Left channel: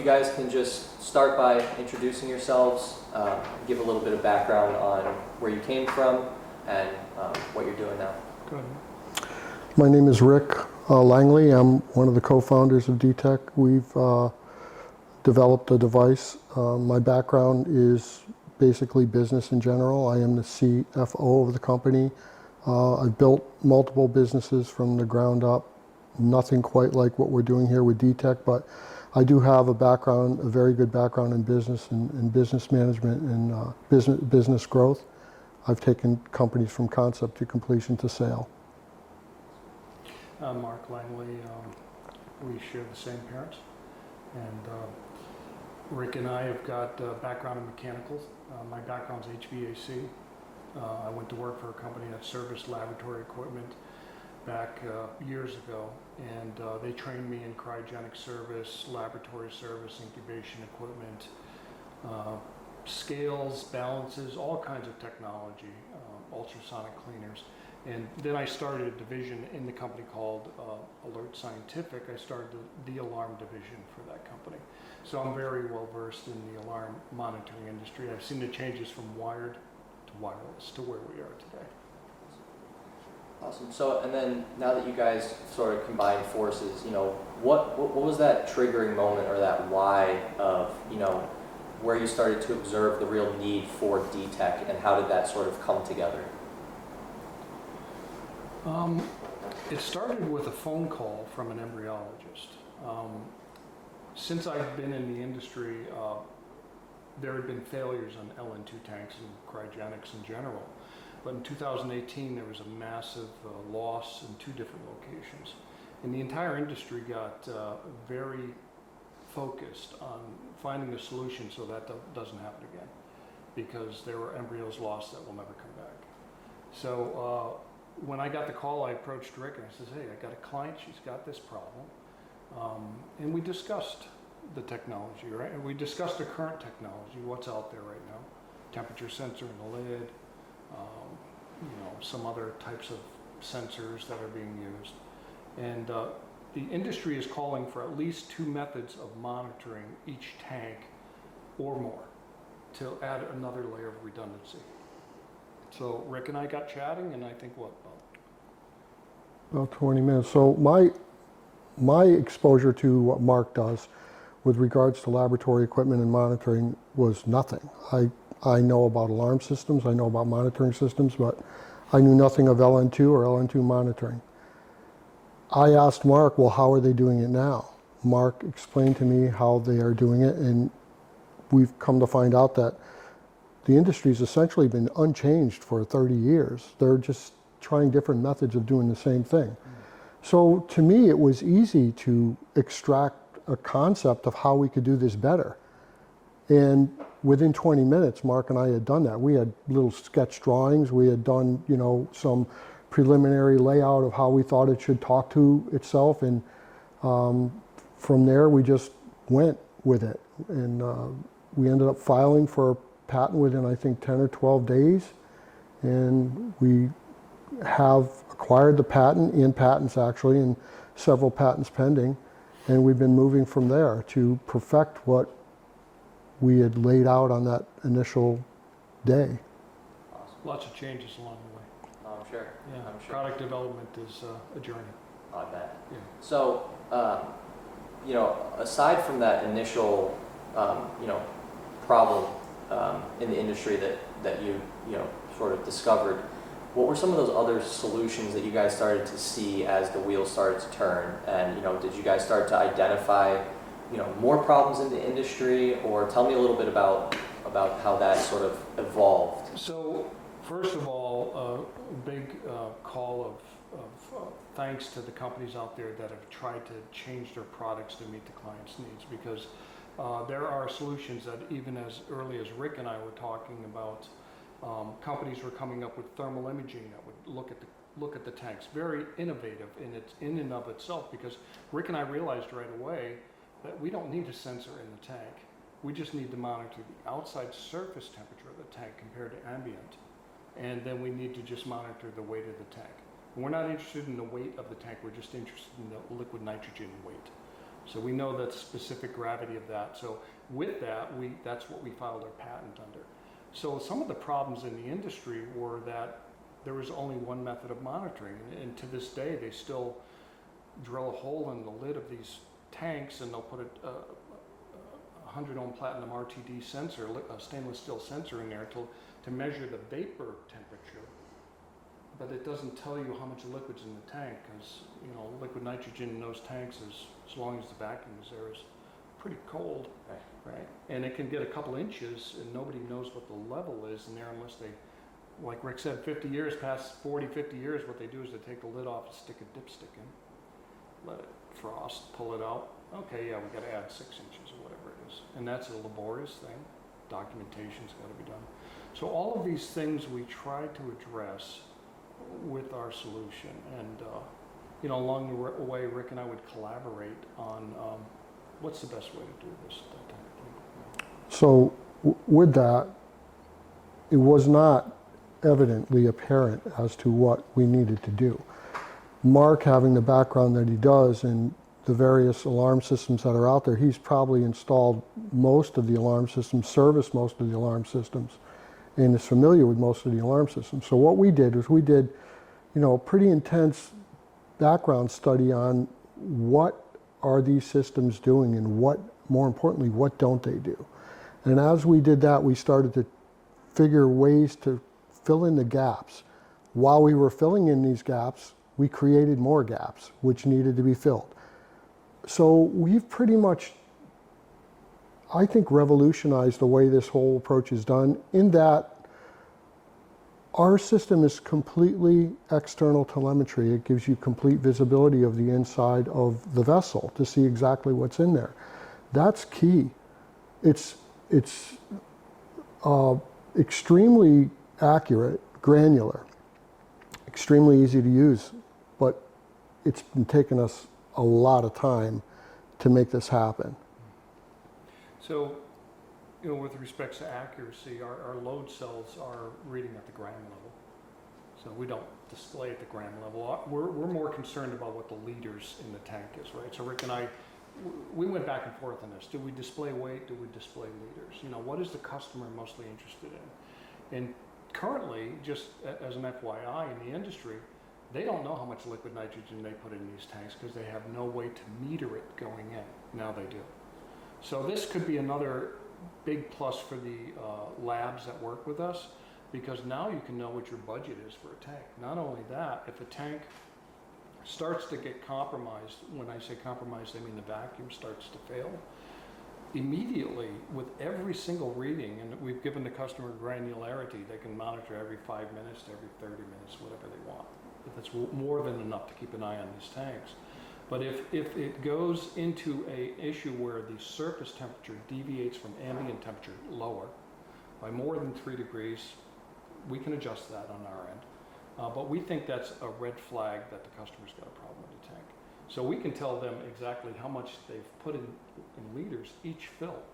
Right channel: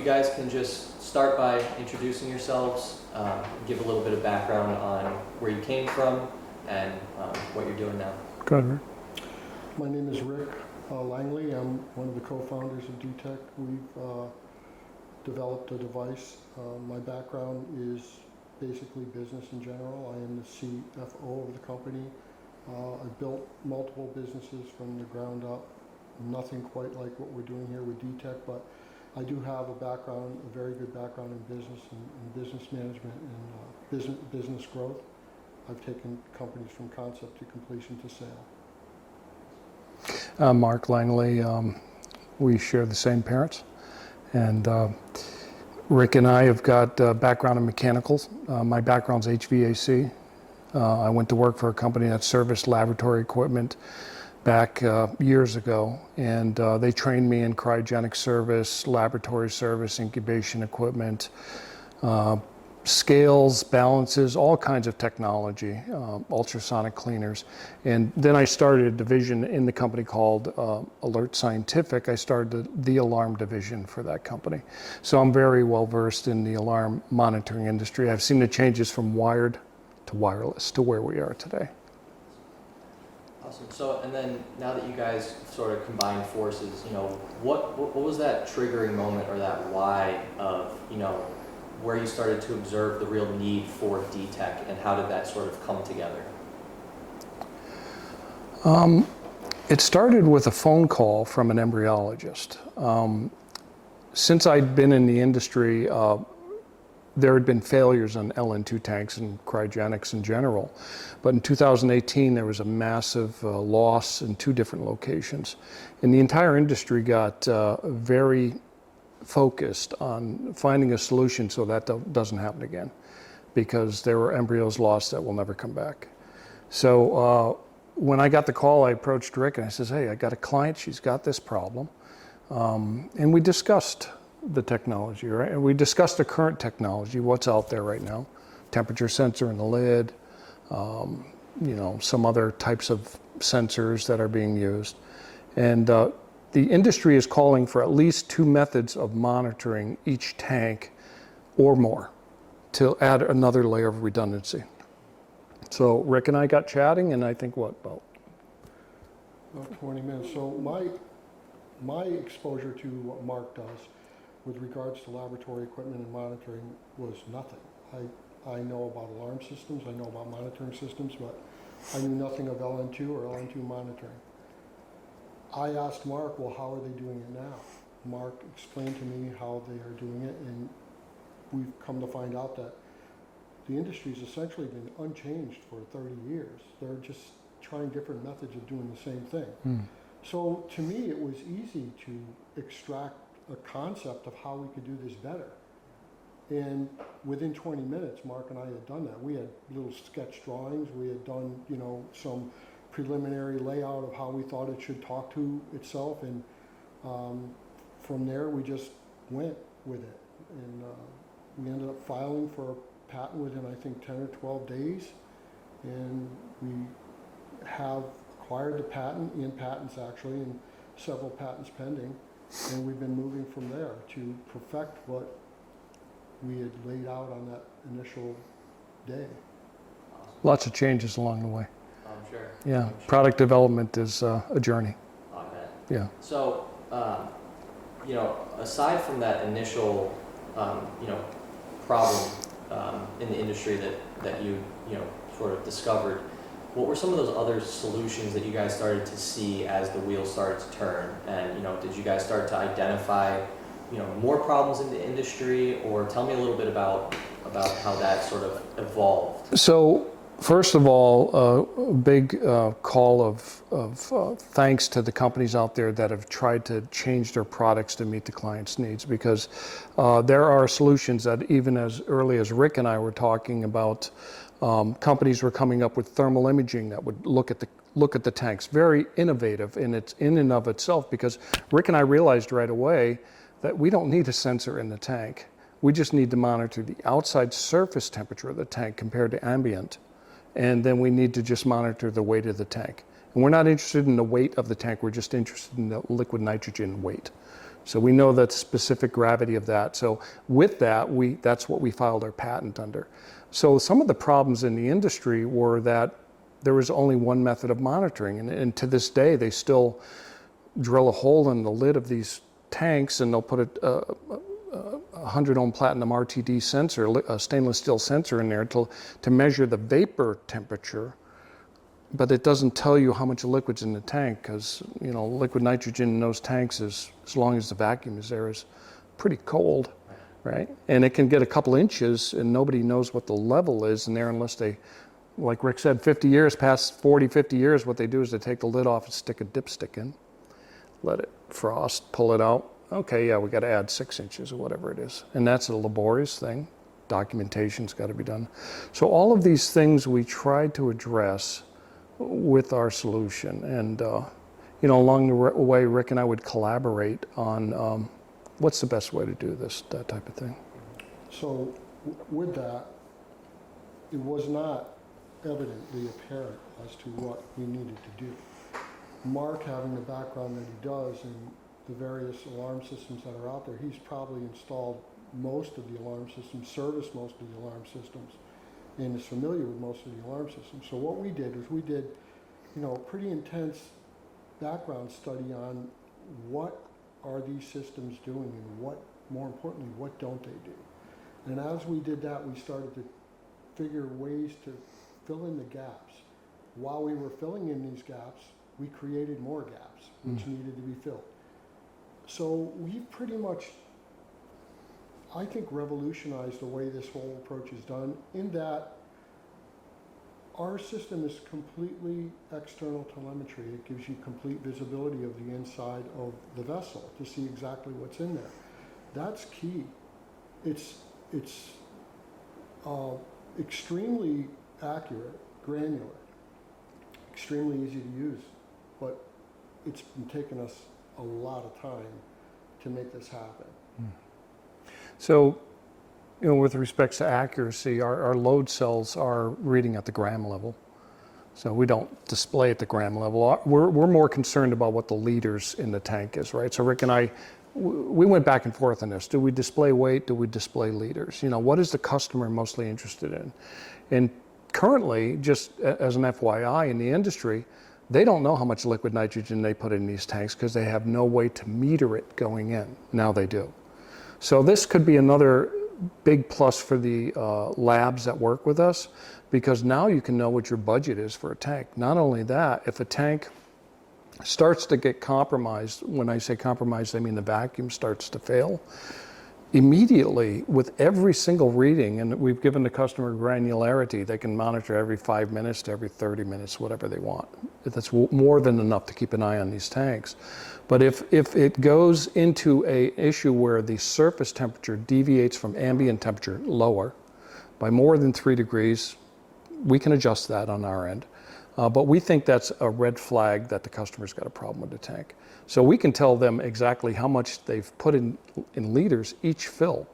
you guys can just start by introducing yourselves, give a little bit of background on where you came from and what you're doing now. Go ahead, Rick. My name is Rick Langley. I'm one of the co-founders of DeTech. We've developed a device. My background is basically business in general. I am the CFO of the company. I've built multiple businesses from the ground up. Nothing quite like what we're doing here with DeTech, but I do have a background, a very good background in business and business management and business growth. I've taken companies from concept to completion to sale. I'm Mark Langley. We share the same parents, and Rick and I have got background in mechanicals. My background's HVAC. I went to work for a company that serviced laboratory equipment back years ago, and they trained me in cryogenic service, laboratory service, incubation equipment, scales, balances, all kinds of technology, ultrasonic cleaners. And then I started a division in the company called Alert Scientific. I started the alarm division for that company. So I'm very well versed in the alarm monitoring industry. I've seen the changes from wired to wireless to where we are today. Awesome. So, and then now that you guys sort of combined forces, what was that triggering moment or that why of, where you started to observe the real need for DeTech, and how did that sort of come together? It started with a phone call from an embryologist. Since I'd been in the industry, there had been failures on LN2 tanks and cryogenics in general. But in 2018, there was a massive loss in 2 different locations. And the entire industry got very focused on finding a solution so that doesn't happen again, because there were embryos lost that will never come back. So when I got the call, I approached Rick and I says, hey, I got a client, she's got this problem. And we discussed the technology, right? And we discussed the current technology, what's out there right now, temperature sensor in the lid, some other types of sensors that are being used. And the industry is calling for at least 2 methods of monitoring each tank or more to add another layer of redundancy. So Rick and I got chatting, and I think About 20 minutes. So my exposure to what Mark does with regards to laboratory equipment and monitoring was nothing. I know about alarm systems, I know about monitoring systems, but I knew nothing of LN2 or LN2 monitoring. I asked Mark, well, how are they doing it now? Mark explained to me how they are doing it, and we've come to find out that the industry's essentially been unchanged for 30 years. They're just trying different methods of doing the same thing. So to me, it was easy to extract a concept of how we could do this better. And within 20 minutes, Mark and I had done that. We had little sketch drawings. We had done, some preliminary layout of how we thought it should talk to itself. And from there, we just went with it. And we ended up filing for a patent within, I think, 10 or 12 days. And we have acquired the patent, in patents actually, and several patents pending. And we've been moving from there to perfect what we had laid out on that initial day. Awesome. lots of changes along the way. I'm sure. Yeah, I'm sure. Product development is a journey. I bet. Yeah. So, aside from that initial, problem in the industry that you sort of discovered, what were some of those other solutions that you guys started to see as the wheels started to turn? And did you guys start to identify more problems in the industry, or tell me a little bit about how that sort of evolved? So first of all, a big call of thanks to the companies out there that have tried to change their products to meet the client's needs, because there are solutions that even as early as Rick and I were talking about, companies were coming up with thermal imaging that would look at the tanks. Very innovative in and of itself, because Rick and I realized right away that we don't need a sensor in the tank. We just need to monitor the outside surface temperature of the tank compared to ambient. And then we need to just monitor the weight of the tank. And we're not interested in the weight of the tank, we're just interested in the liquid nitrogen weight. So we know the specific gravity of that. So with that, that's what we filed our patent under. So some of the problems in the industry were that there was only one method of monitoring. And to this day, they still drill a hole in the lid of these tanks and they'll put a 100 ohm platinum RTD sensor, a stainless steel sensor in there to measure the vapor temperature. But it doesn't tell you how much liquid's in the tank because, you know, liquid nitrogen in those tanks is, as long as the vacuum is there, is pretty cold, right? And it can get a couple inches and nobody knows what the level is in there unless they, like Rick said, 50 years, past 40, 50 years, what they do is they take the lid off and stick a dipstick in, let it frost, pull it out. Okay, yeah, we got to add 6 inches or whatever it is. And that's a laborious thing. Documentation's got to be done. So all of these things we tried to address with our solution. And, you know, along the way, Rick and I would collaborate on what's the best way to do this, that type of thing. So with that, it was not evidently apparent as to what we needed to do. Mark, having the background that he does in the various alarm systems that are out there, he's probably installed most of the alarm systems, serviced most of the alarm systems, and is familiar with most of the alarm systems. So what we did was we did, you know, a pretty intense background study on what are these systems doing and what, more importantly, what don't they do? And as we did that, we started to figure ways to fill in the gaps. While we were filling in these gaps, we created more gaps which needed to be filled. So we've pretty much, I think, revolutionized the way this whole approach is done, in that our system is completely external telemetry. It gives you complete visibility of the inside of the vessel to see exactly what's in there. That's key. It's extremely accurate, granular, extremely easy to use, but it's been taking us a lot of time to make this happen. So, you know, with respect to accuracy, our load cells are reading at the gram level. So we don't display at the gram level. We're more concerned about what the liters in the tank is, right? So Rick and I, we went back and forth on this. Do we display weight? Do we display liters? You know, what is the customer mostly interested in? And currently, just as an FYI in the industry, they don't know how much liquid nitrogen they put in these tanks because they have no way to meter it going in. Now they do. So this could be another big plus for the labs that work with us, because now you can know what your budget is for a tank. Not only that, if a tank starts to get compromised, when I say compromised, I mean the vacuum starts to fail, immediately with every single reading, and we've given the customer granularity, they can monitor every 5 minutes to every 30 minutes, whatever they want. That's more than enough to keep an eye on these tanks. But if it goes into an issue where the surface temperature deviates from ambient temperature lower by more than 3 degrees, we can adjust that on our end. But we think that's a red flag that the customer's got a problem with the tank. So we can tell them exactly how much they've put in liters each fill,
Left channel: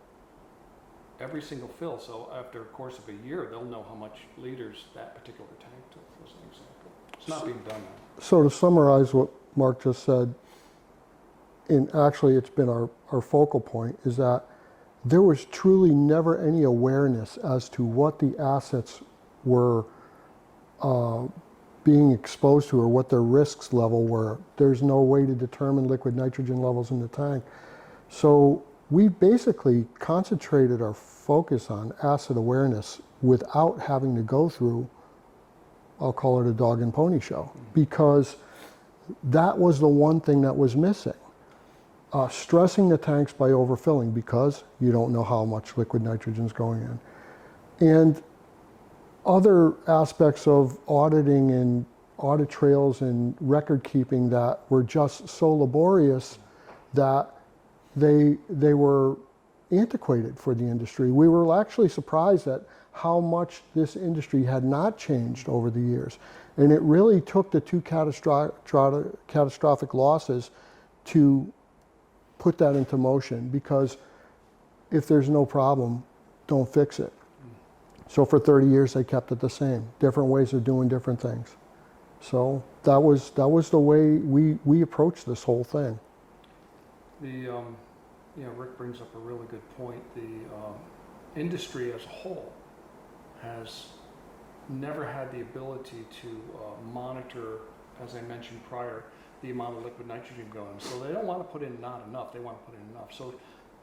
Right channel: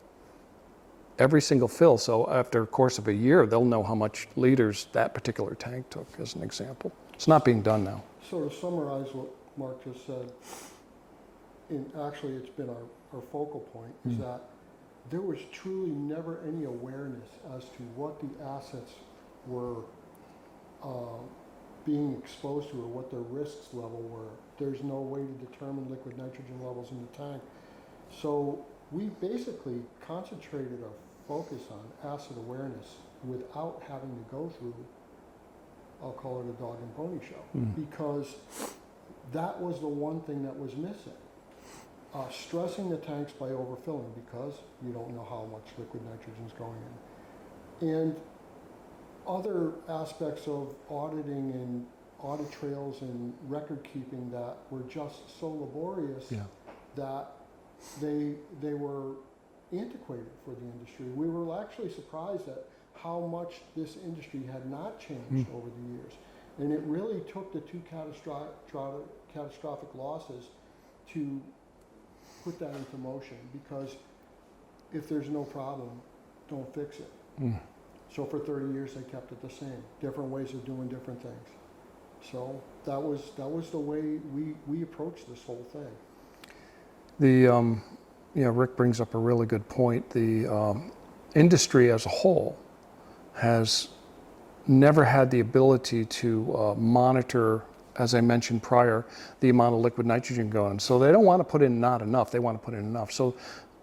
every single fill. So after a course of a year, they'll know how much liters that particular tank took, as an example. It's not being done now. So to summarize what Mark just said, and actually it's been our focal point, is that there was truly never any awareness as to what the assets were being exposed to or what their risks level were. There's no way to determine liquid nitrogen levels in the tank. So we basically concentrated our focus on asset awareness without having to go through, I'll call it a dog and pony show, because that was the one thing that was missing. Stressing the tanks by overfilling because you don't know how much liquid nitrogen is going in. And other aspects of auditing and audit trails and record keeping that were just so laborious that they were antiquated for the industry. We were actually surprised at how much this industry had not changed over the years. And it really took the 2 catastrophic losses to put that into motion, because if there's no problem, don't fix it. So for 30 years, they kept it the same, different ways of doing different things. So that was the way we approached this whole thing. Rick brings up a really good point. The industry as a whole has never had the ability to monitor, as I mentioned prior, the amount of liquid nitrogen going. So they don't want to put in not enough, they want to put in enough. So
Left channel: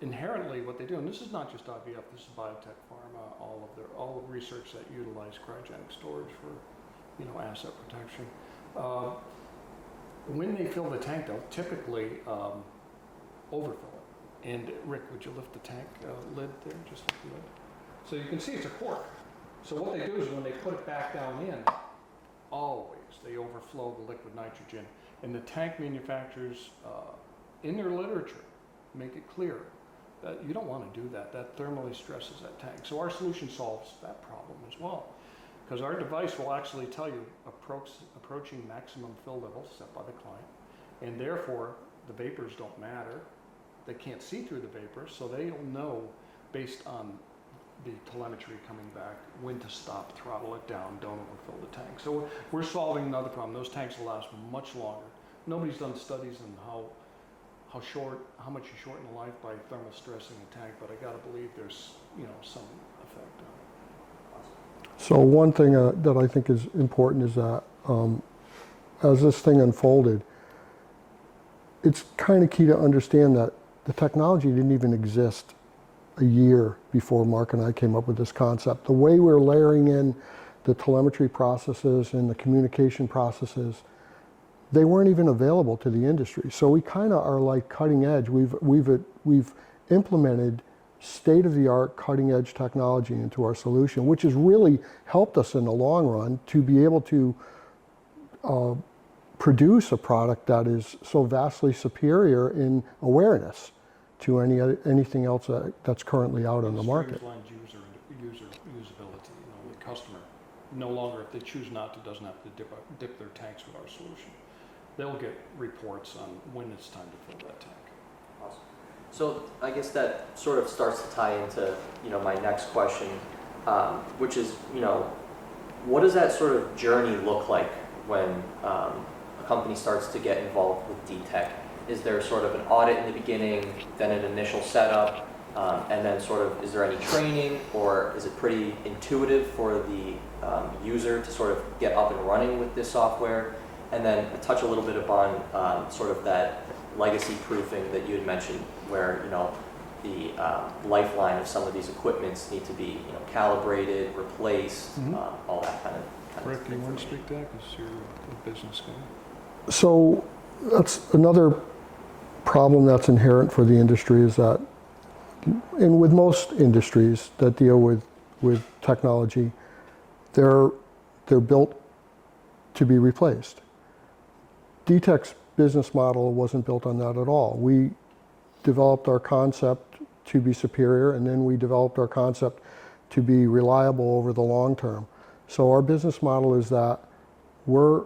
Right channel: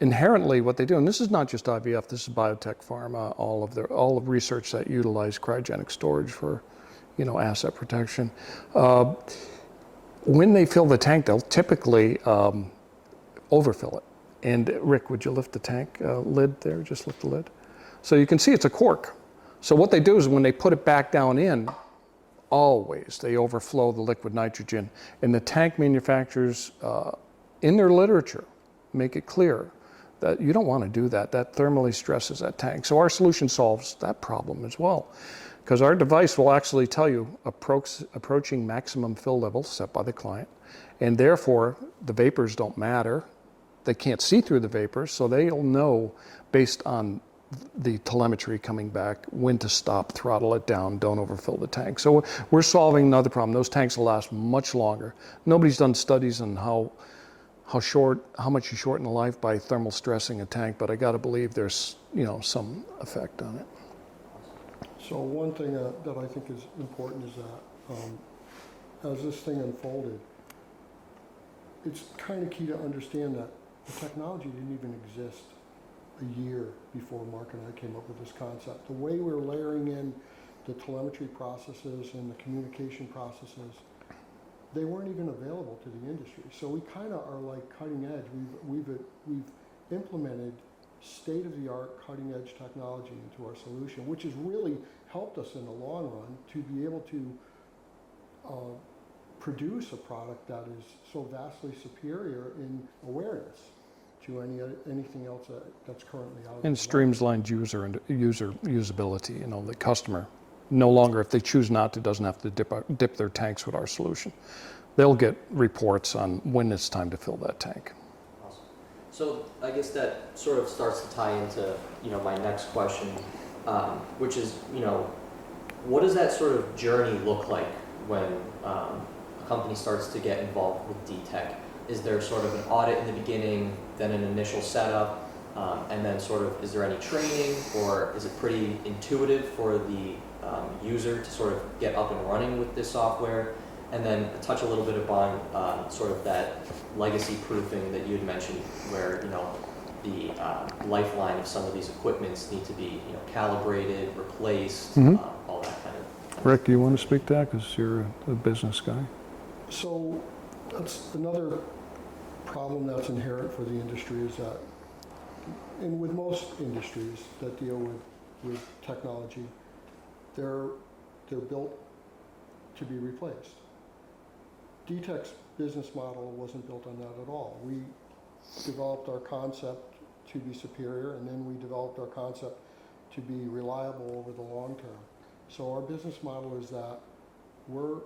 inherently what they do, and this is not just IVF, this is biotech, pharma, all of research that utilize cryogenic storage for, asset protection. When they fill the tank, they'll typically overfill it. And Rick, would you lift the tank lid there? Just lift the lid. So you can see it's a cork. So what they do is when they put it back down in, always they overflow the liquid nitrogen. And the tank manufacturers, in their literature, make it clear that you don't want to do that. That thermally stresses that tank. So our solution solves that problem as well. Because our device will actually tell you approaching maximum fill levels set by the client. And therefore, the vapors don't matter. They can't see through the vapors, so they'll know based on the telemetry coming back when to stop, throttle it down, don't overfill the tank. So we're solving another problem. Those tanks will last much longer. Nobody's done studies on how much you shorten the life by thermal stressing a tank, but I got to believe there's some effect on it. So one thing that I think is important is that as this thing unfolded, it's kind of key to understand that the technology didn't even exist a year before Mark and I came up with this concept. The way we're layering in the telemetry processes and the communication processes, they weren't even available to the industry. So we kind of are like cutting edge. We've implemented state-of-the-art cutting-edge technology into our solution, which has really helped us in the long run to be able to produce a product that is so vastly superior in awareness to anything else that's currently out on the market. And streamlined usability. The customer no longer, if they choose not to, doesn't have to dip their tanks with our solution. They'll get reports on when it's time to fill that tank. Awesome. So I guess that sort of starts to tie into my next question, which is what does that sort of journey look like when a company starts to get involved with DeTech? Is there sort of an audit in the beginning, then an initial setup, and then sort of is there any training, or is it pretty intuitive for the user to sort of get up and running with this software? And then touch a little bit upon sort of that legacy proofing that you had mentioned, where the lifeline of some of these equipments need to be calibrated, replaced, all that kind of Rick, do you want to speak to that because you're a business guy? So that's another problem that's inherent for the industry, is that, and with most industries that deal with technology, they're built to be replaced. DeTech's business model wasn't built on that at all. We developed our concept to be superior, and then we developed our concept to be reliable over the long term. So our business model is that we're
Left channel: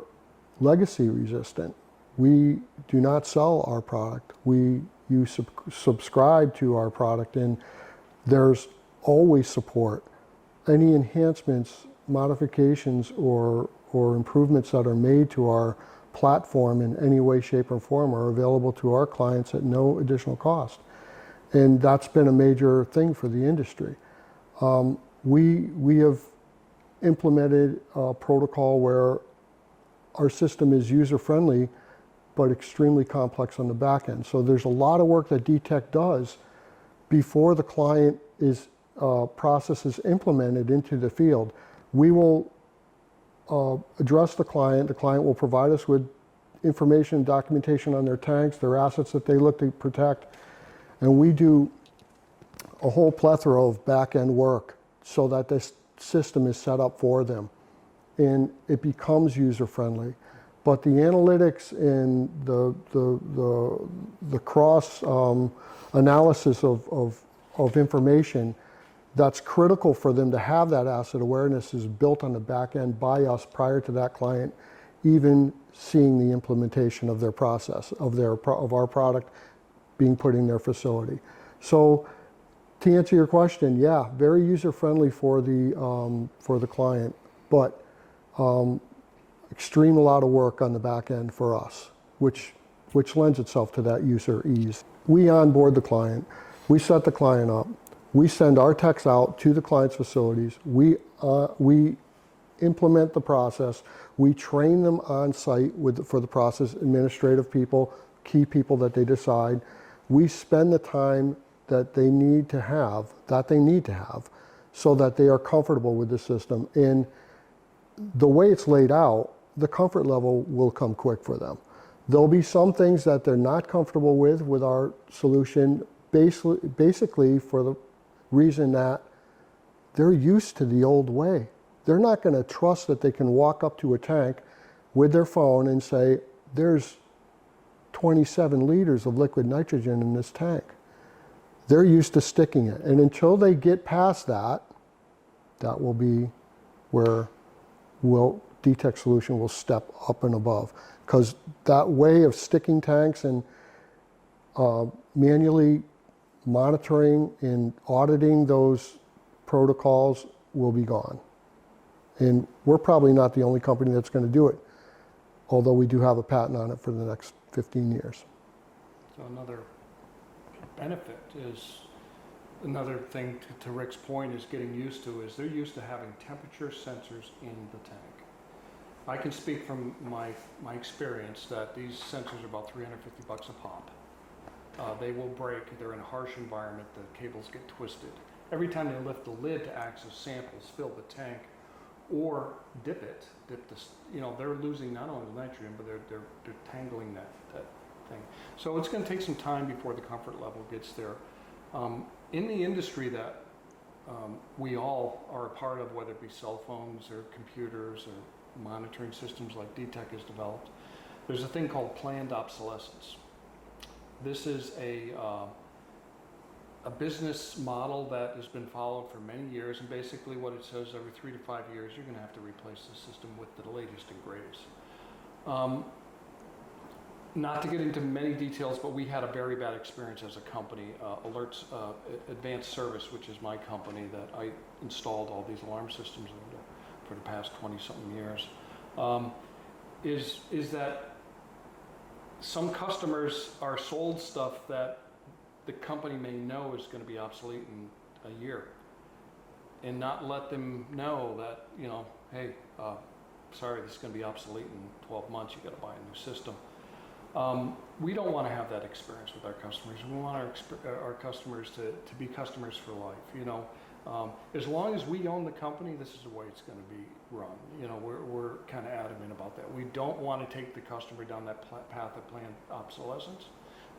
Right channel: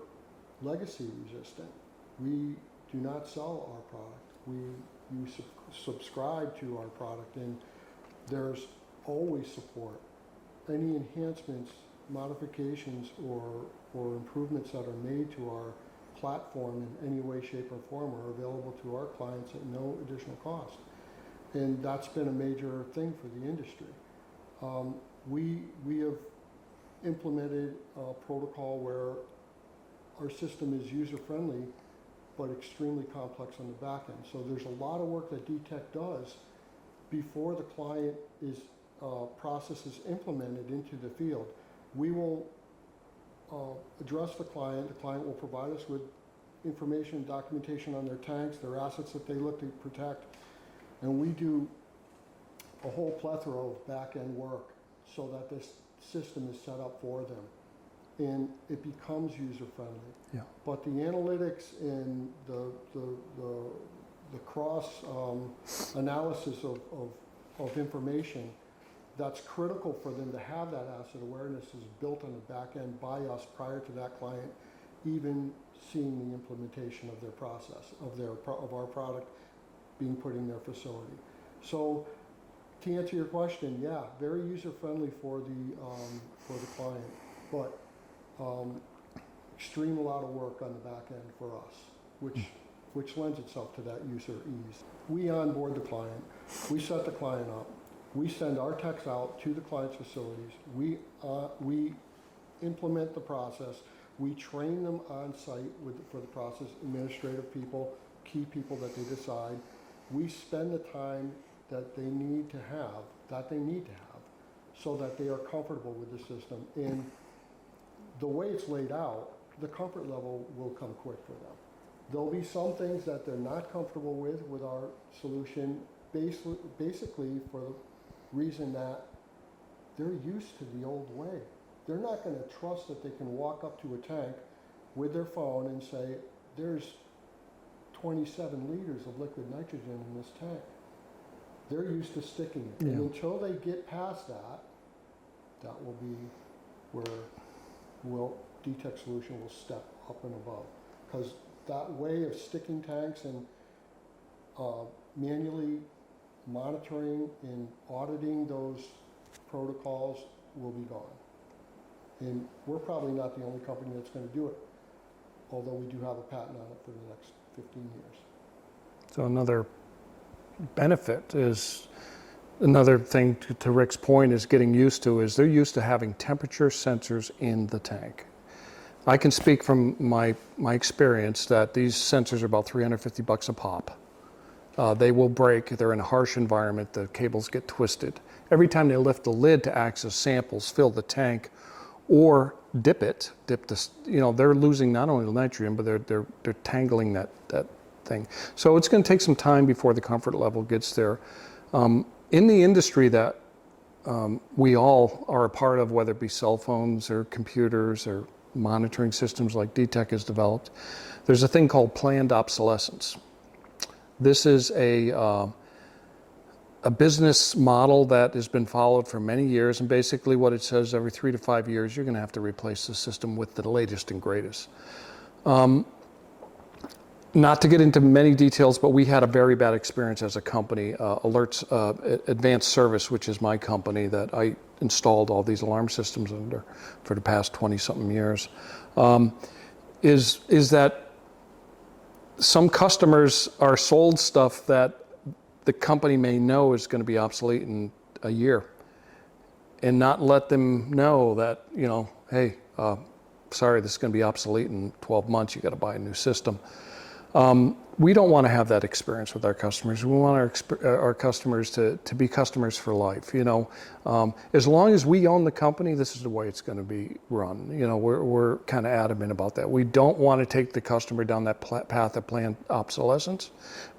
legacy resistant. We do not sell our product. You subscribe to our product, and there's always support. Any enhancements, modifications, or improvements that are made to our platform in any way, shape, or form are available to our clients at no additional cost. And that's been a major thing for the industry. We have implemented a protocol where our system is user-friendly, but extremely complex on the back end. So there's a lot of work that DeTech does before the client process is implemented into the field. We will address the client. The client will provide us with information, documentation on their tanks, their assets that they look to protect, and we do a whole plethora of back-end work so that this system is set up for them, and it becomes user-friendly. Yeah. But the analytics and the cross analysis of information that's critical for them to have that asset awareness is built on the back end by us prior to that client even seeing the implementation of their process, of our product being put in their facility. So to answer your question, yeah, very user-friendly for the client, but extreme a lot of work on the back end for us, which which lends itself to that user ease. We onboard the client, we set the client up, we send our techs out to the client's facilities, we implement the process, we train them on site for the process, administrative people, key people that they decide. We spend the time that they need to have, so that they are comfortable with the system. And the way it's laid out, the comfort level will come quick for them. There'll be some things that they're not comfortable with our solution, basically for the reason that they're used to the old way. They're not going to trust that they can walk up to a tank with their phone and say, there's 27 liters of liquid nitrogen in this tank. They're used to sticking it. And until they get past that, that will be where DeTech's solution will step up and above. Because that way of sticking tanks and manually monitoring and auditing those protocols will be gone. And we're probably not the only company that's going to do it, although we do have a patent on it for the next 15 years. So another benefit is, another thing to Rick's point is getting used to, is they're used to having temperature sensors in the tank. I can speak from my experience that these sensors are about $350 a pop. They will break, they're in a harsh environment, the cables get twisted. Every time they lift the lid to access samples, fill the tank, or dip this, they're losing not only the nitrogen, but they're tangling that thing. So it's going to take some time before the comfort level gets there. In the industry that we all are a part of, whether it be cell phones or computers or monitoring systems like DeTech has developed, there's a thing called planned obsolescence. This is a business model that has been followed for many years, and basically what it says, every 3 to 5 years you're going to have to replace the system with the latest and greatest. Not to get into many details, but we had a very bad experience as a company. Advanced Service, which is my company that I installed all these alarm systems under for the past 20-something years, is that some customers are sold stuff that the company may know is going to be obsolete in a year, and not let them know that, hey, sorry, this is going to be obsolete in 12 months, you got to buy a new system. We don't want to have that experience with our customers. We want our customers to be customers for life. As long as we own the company, this is the way it's going to be run. We're kind of adamant about that. We don't want to take the customer down that path of planned obsolescence.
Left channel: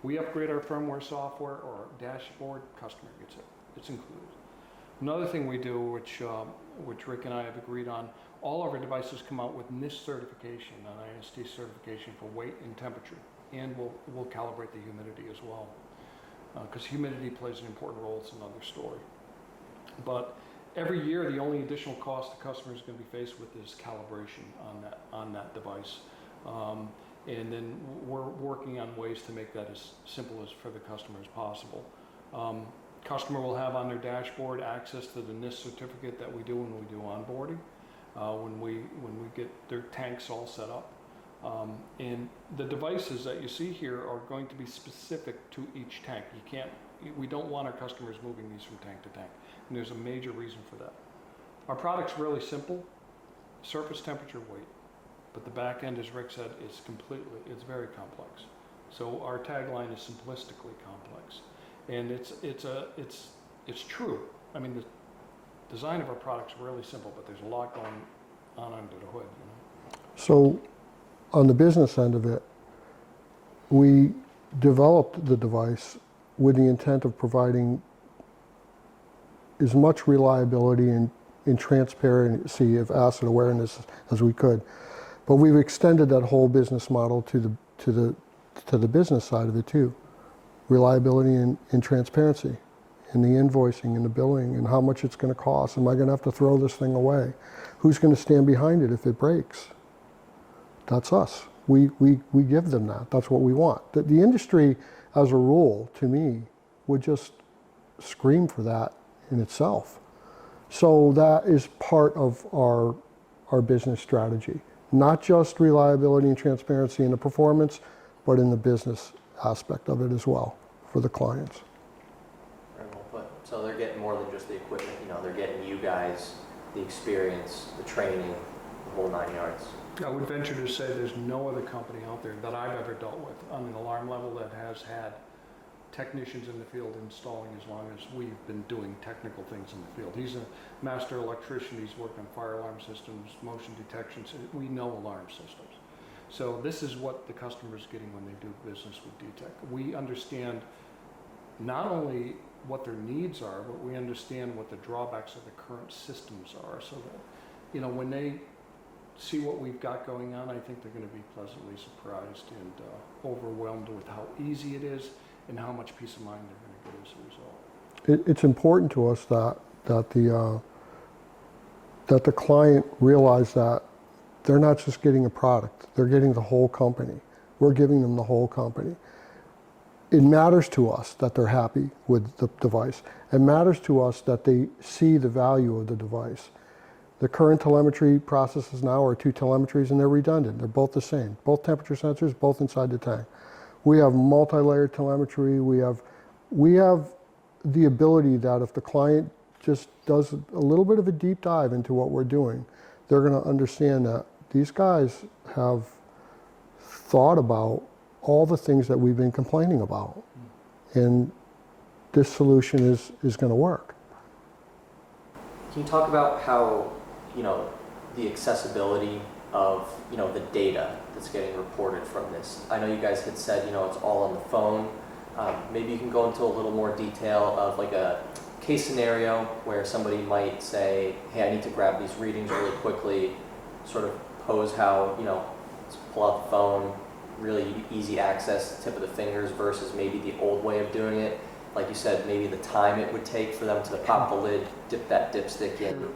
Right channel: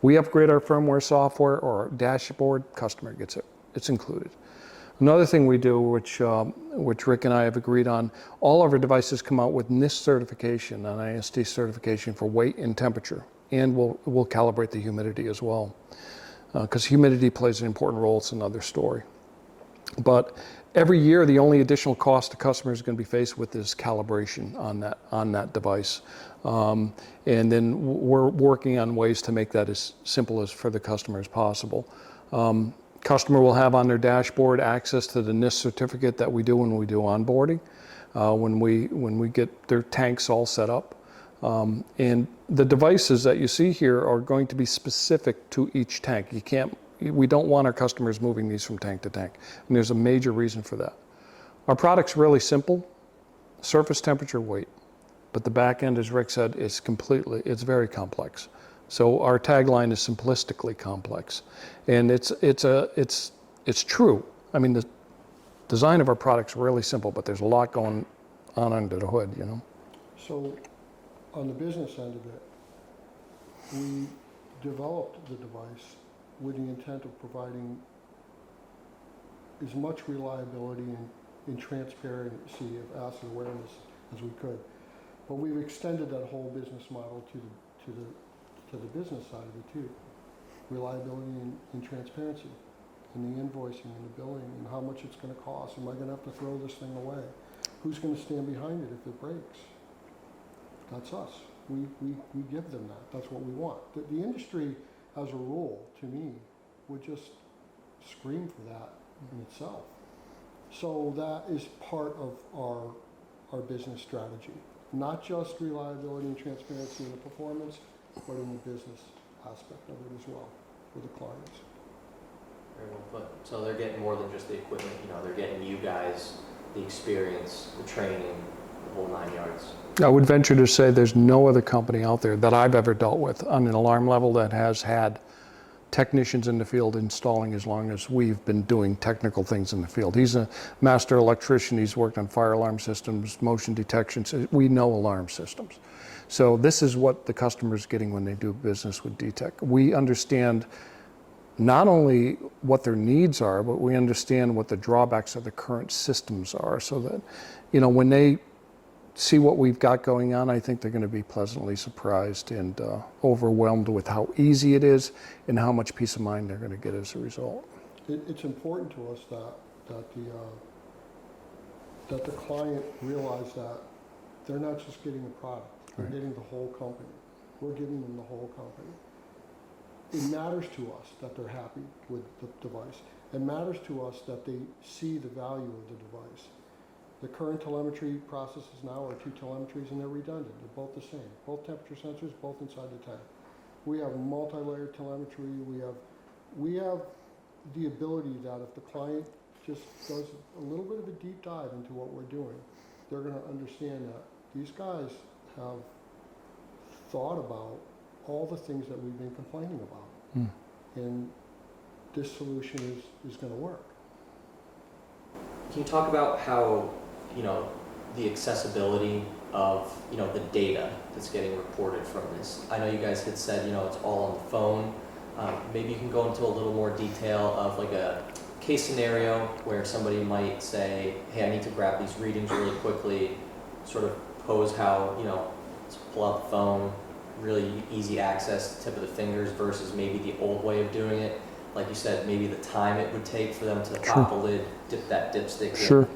We upgrade our firmware software or our dashboard, customer gets it. It's included. Another thing we do, which Rick and I have agreed on, all of our devices come out with NIST certification, an IST certification for weight and temperature, and we'll calibrate the humidity as well, because humidity plays an important role. It's another story. But every year, the only additional cost the customer is going to be faced with is calibration on that device, and then we're working on ways to make that as simple as for the customer as possible. Customer will have on their dashboard access to the NIST certificate that we do when we do onboarding, when we get their tanks all set up. And the devices that you see here are going to be specific to each tank. We don't want our customers moving these from tank to tank, and there's a major reason for that. Our product's really simple, surface temperature, weight, but the back end, as Rick said, it's very complex. So our tagline is simplistically complex, and it's true. I mean, the design of our product's really simple, but there's a lot going on under the hood, So on the business end of it, we developed the device with the intent of providing as much reliability and transparency of asset awareness as we could. But we've extended that whole business model to the business side of it too. Reliability and transparency, and the invoicing and the billing and how much it's going to cost. Am I going to have to throw this thing away? Who's going to stand behind it if it breaks? That's us. We give them that. That's what we want. The industry, as a rule, to me, would just scream for that in itself. So that is part of our business strategy. Not just reliability and transparency in the performance, but in the business aspect of it as well for the clients. Very well put. So they're getting more than just the equipment, they're getting you guys, the experience, the training, the whole 9 yards. I would venture to say there's no other company out there that I've ever dealt with on an alarm level that has had technicians in the field installing as long as we've been doing technical things in the field. He's a master electrician. He's worked on fire alarm systems, motion detection. We know alarm systems. So this is what the customer's getting when they do business with DeTech. We understand not only what their needs are, but we understand what the drawbacks of the current systems are, so that, when they see what we've got going on, I think they're going to be pleasantly surprised and overwhelmed with how easy it is and how much peace of mind they're going to get as a result. It's important to us that the client realize that they're not just getting a product, they're getting the whole company. We're giving them the whole company. It matters to us that they're happy with the device. It matters to us that they see the value of the device. The current telemetry processes now are 2 telemetries, and they're redundant. They're both the same. Both temperature sensors, both inside the tank. We have multi-layered telemetry. We have the ability that if the client just does a little bit of a deep dive into what we're doing, they're going to understand that these guys have thought about all the things that we've been complaining about. And this solution is going to work. Can you talk about how, the accessibility of, the data that's getting reported from this? I know you guys had said, it's all on the phone. Maybe you can go into a little more detail of like a case scenario where somebody might say, hey, I need to grab these readings really quickly, sort of pose how, let's pull out the phone, really easy access, tip of the fingers, versus maybe the old way of doing it. Like you said, maybe the time it would take for them to pop the lid, dip that dipstick in,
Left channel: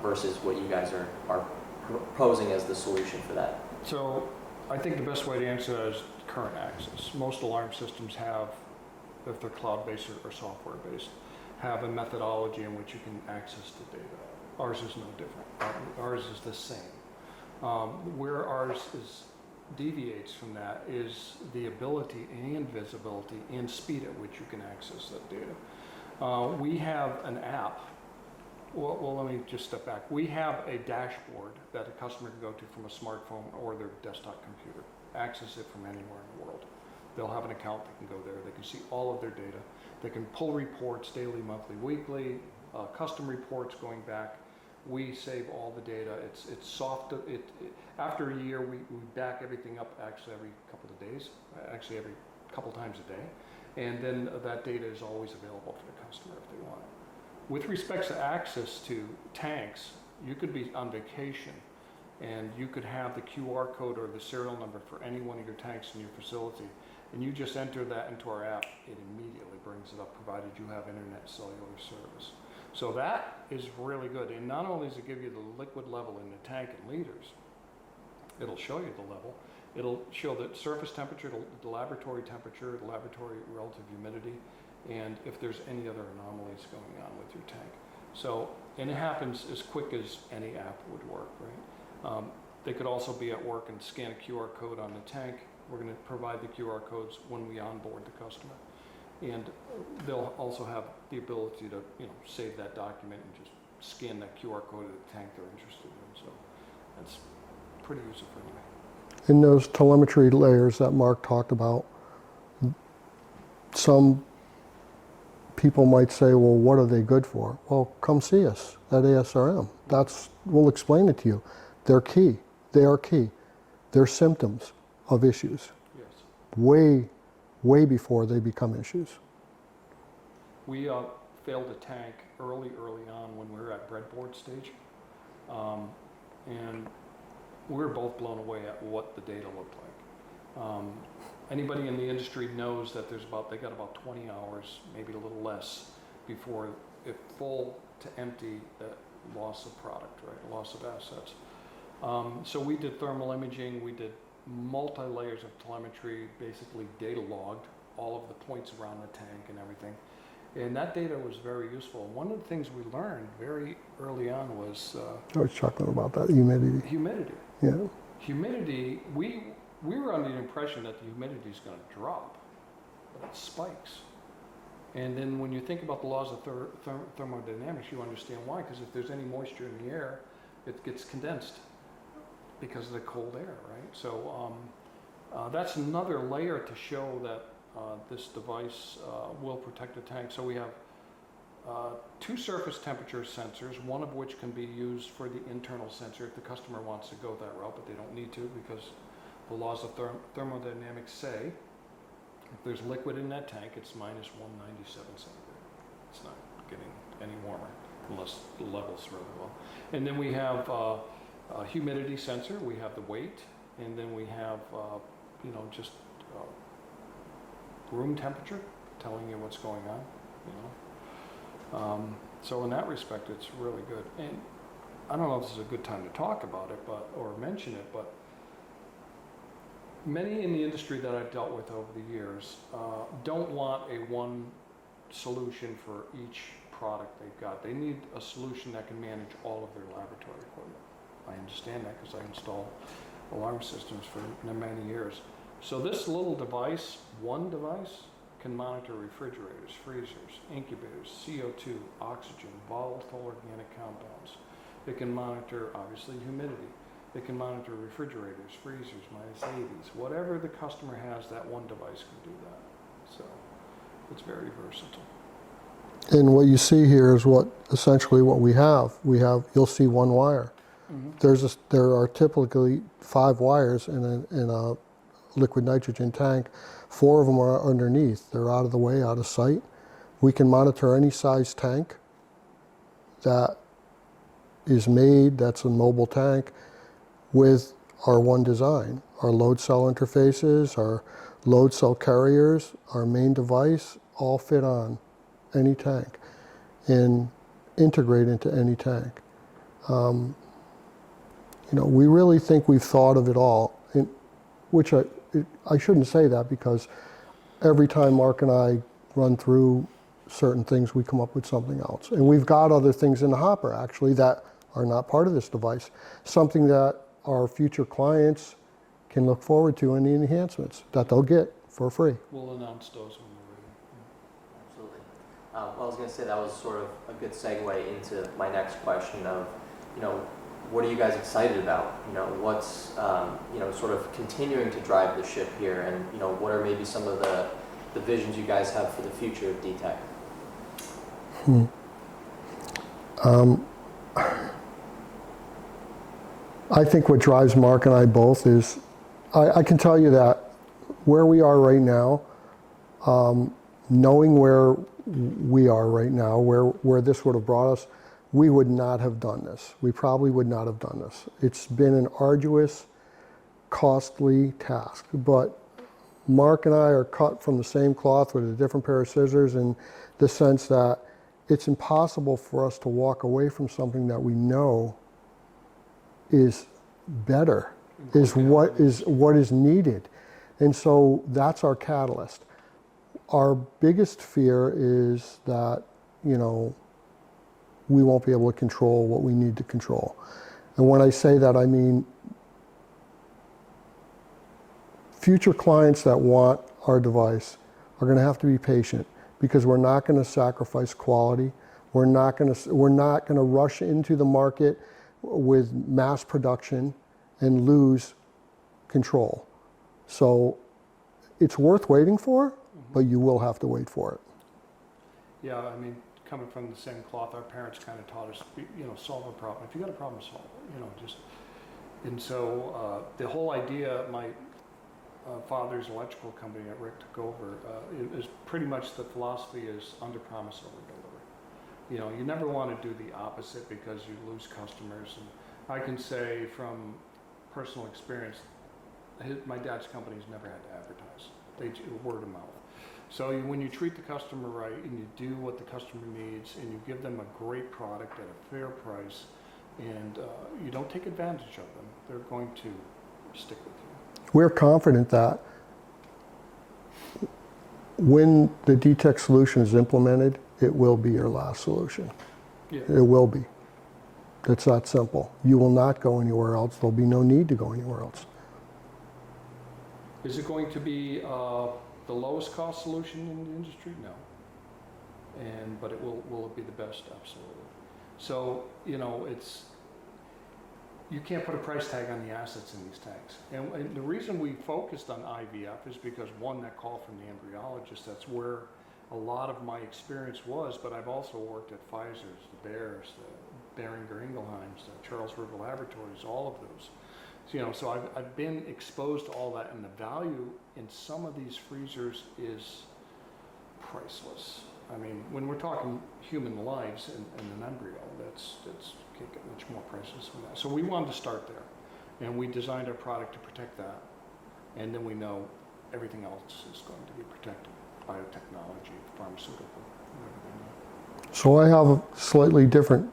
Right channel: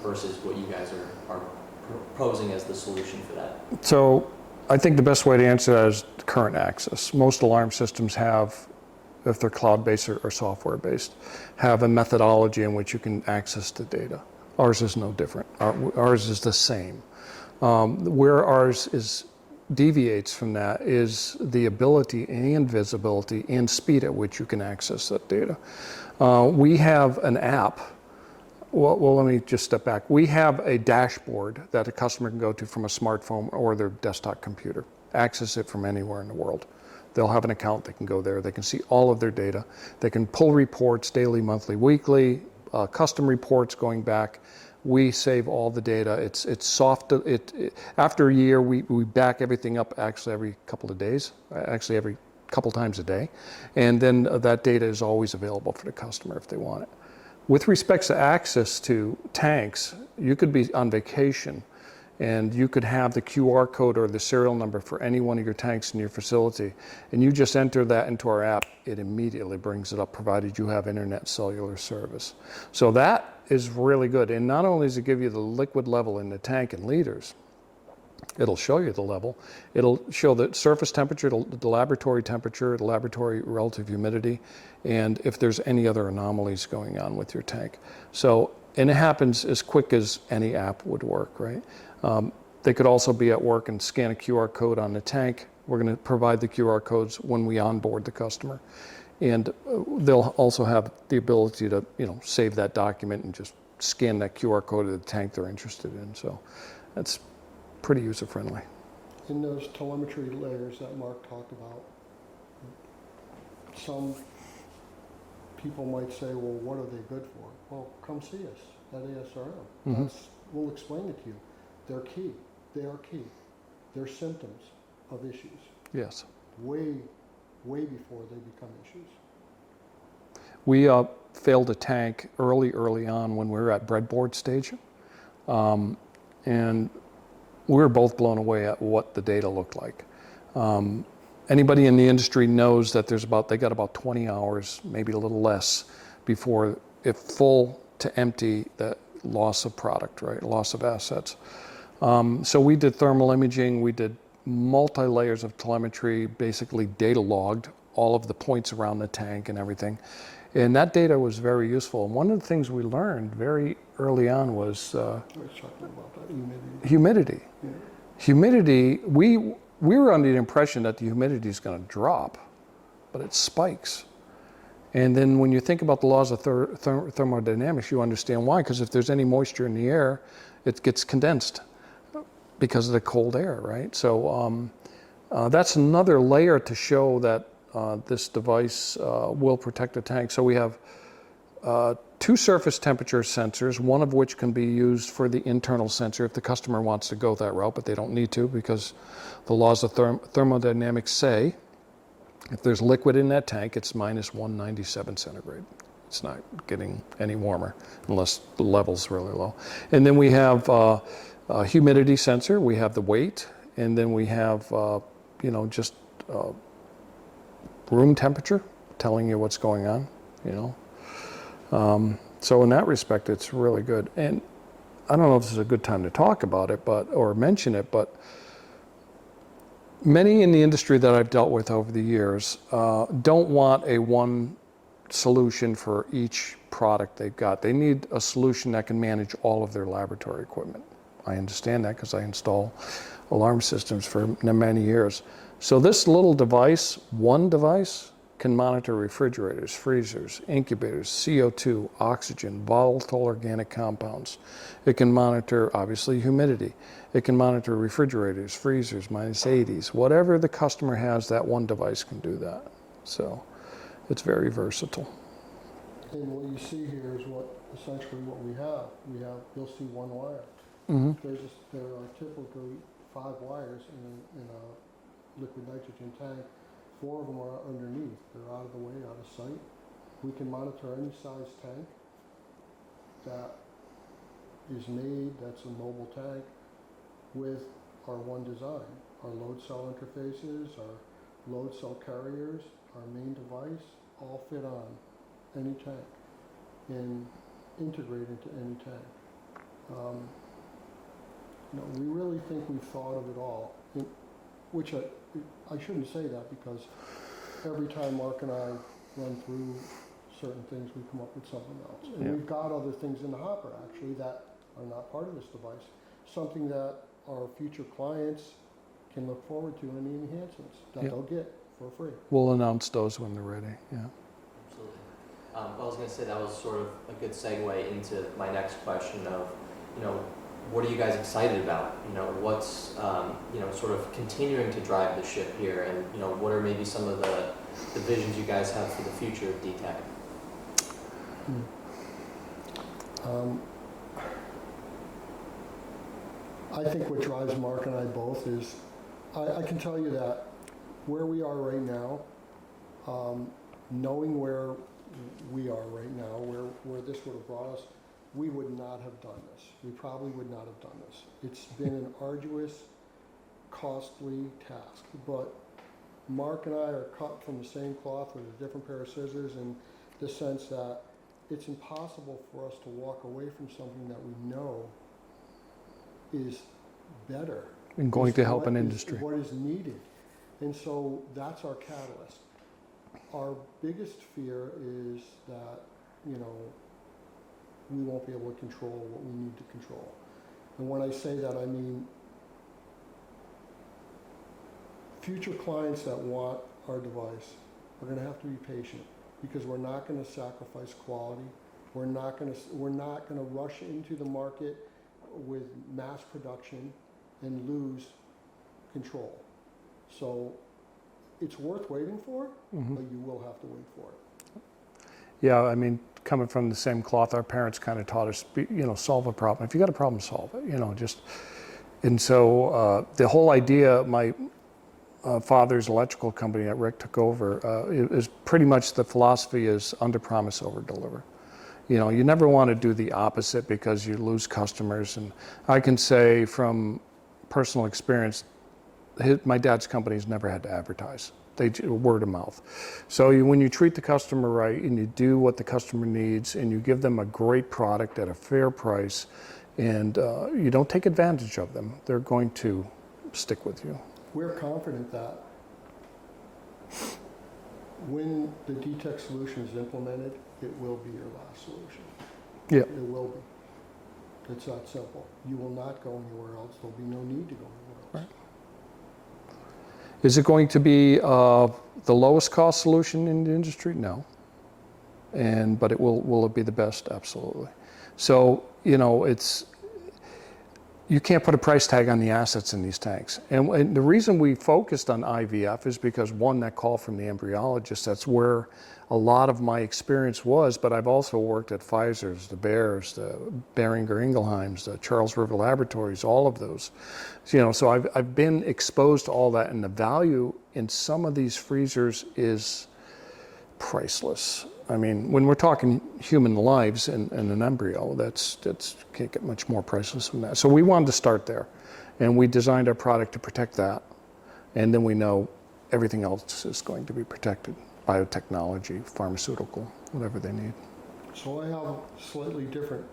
versus what you guys are proposing as the solution for that. So I think the best way to answer that is current access. Most alarm systems have, if they're cloud-based or software-based, have a methodology in which you can access the data. Ours is no different. Ours is the same. Where ours deviates from that is the ability and visibility and speed at which you can access that data. We have an app. Well, let me just step back. We have a dashboard that a customer can go to from a smartphone or their desktop computer, access it from anywhere in the world. They'll have an account, they can go there, they can see all of their data. They can pull reports daily, monthly, weekly, custom reports going back. We save all the data. It's soft. After a year, we back everything up actually every couple of days, actually every couple times a day. And then that data is always available for the customer if they want it. With respect to access to tanks, you could be on vacation and you could have the QR code or the serial number for any one of your tanks in your facility, and you just enter that into our app, it immediately brings it up, provided you have internet cellular service. So that is really good. And not only does it give you the liquid level in the tank in liters, it'll show you the level. It'll show the surface temperature, the laboratory temperature, the laboratory relative humidity, and if there's any other anomalies going on with your tank. So, and it happens as quick as any app would work, right? They could also be at work and scan a QR code on the tank. We're going to provide the QR codes when we onboard the customer. And they'll also have the ability to, save that document and just scan that QR code of the tank they're interested in. So that's pretty user-friendly. In those telemetry layers that Mark talked about, some people might say, well, what are they good for? Well, come see us at ASRM. We'll explain it to you. They're key. They are key. They're symptoms of issues. Yes. Way before they become issues. We failed a tank early on when we were at breadboard stage. And we were both blown away at what the data looked like. Anybody in the industry knows that they got about 20 hours, maybe a little less, before if full to empty, that loss of product, right? Loss of assets. So we did thermal imaging, we did multi-layers of telemetry, basically data logged all of the points around the tank and everything. And that data was very useful. And one of the things we learned very early on was... I was chuckling about that, humidity. Humidity. Yeah. Humidity, we were under the impression that the humidity is going to drop, but it spikes. And then when you think about the laws of thermodynamics, you understand why. Because if there's any moisture in the air, it gets condensed because of the cold air, right? So that's another layer to show that this device will protect the tank. So we have 2 surface temperature sensors, one of which can be used for the internal sensor if the customer wants to go that route, but they don't need to because the laws of thermodynamics say if there's liquid in that tank, it's minus 197 centigrade. It's not getting any warmer unless the level's really low. And then we have a humidity sensor, we have the weight, and then we have, just room temperature, telling you what's going on, So in that respect, it's really good. And I don't know if this is a good time to talk about it, or mention it, but many in the industry that I've dealt with over the years don't want a one solution for each product they've got. They need a solution that can manage all of their laboratory equipment. I understand that because I install alarm systems for many years. So this little device, one device, can monitor refrigerators, freezers, incubators, CO2, oxygen, volatile organic compounds. It can monitor, obviously, humidity. It can monitor refrigerators, freezers, minus 80s. Whatever the customer has, that one device can do that. So it's very versatile. And what you see here is essentially what we have. You'll see one wire. Mm-hmm. There are typically 5 wires in a liquid nitrogen tank. 4 of them are underneath. They're out of the way, out of sight. We can monitor any size tank that is made, that's a mobile tank, with our one design. Our load cell interfaces, our load cell carriers, our main device, all fit on any tank and integrate into any tank. We really think we've thought of it all, which I shouldn't say that because every time Mark and I run through certain things, we come up with something else. And we've got other things in the hopper, actually, that are not part of this device. Something that our future clients can look forward to in the enhancements that they'll get for free. We'll announce those when they're ready, yeah. Absolutely. Well, I was going to say that was sort of a good segue into my next question of, what are you guys excited about? What's, sort of continuing to drive the ship here, and, what are maybe some of the visions you guys have for the future of DeTech? I think what drives Mark and I both is, I can tell you that where we are right now, knowing where we are right now, where this would have brought us, we would not have done this. We probably would not have done this. It's been an arduous, costly task, but Mark and I are cut from the same cloth with a different pair of scissors in the sense that it's impossible for us to walk away from something that we know is better, is what is needed. And so that's our catalyst. Our biggest fear is that, we won't be able to control what we need to control. And when I say that, I mean future clients that want our device are going to have to be patient because we're not going to sacrifice quality. We're not going to rush into the market with mass production and lose control. So it's worth waiting for, but you will have to wait for it. Yeah, I mean, coming from the same cloth, our parents kind of taught us, solve a problem. If you got a problem, solve it, and so the whole idea, my father's electrical company that Rick took over, is pretty much the philosophy is under promise, over deliver. You never want to do the opposite because you lose customers. And I can say from personal experience, my dad's company's never had to advertise. They word of mouth. So when you treat the customer right and you do what the customer needs and you give them a great product at a fair price and you don't take advantage of them, they're going to stick with you. We're confident that when the DeTech solution is implemented, it will be your last solution. Yeah. It will be. It's that simple. You will not go anywhere else. There'll be no need to go anywhere else. Is it going to be the lowest cost solution in the industry? No. But will it be the best? Absolutely. So, you know, you can't put a price tag on the assets in these tanks. And the reason we focused on IVF is because, one, that call from the embryologist, that's where a lot of my experience was, but I've also worked at Pfizer's, the Bayer's, the Boehringer Ingelheim's, the Charles River Laboratories, all of those. So, you know, so I've been exposed to all that, and the value in some of these freezers is priceless. I mean, when we're talking human lives and an embryo, that's can't get much more priceless than that. So we wanted to start there, and we designed our product to protect that, and then we know everything else is going to be protected: biotechnology, pharmaceutical, whatever they need. So I have a slightly different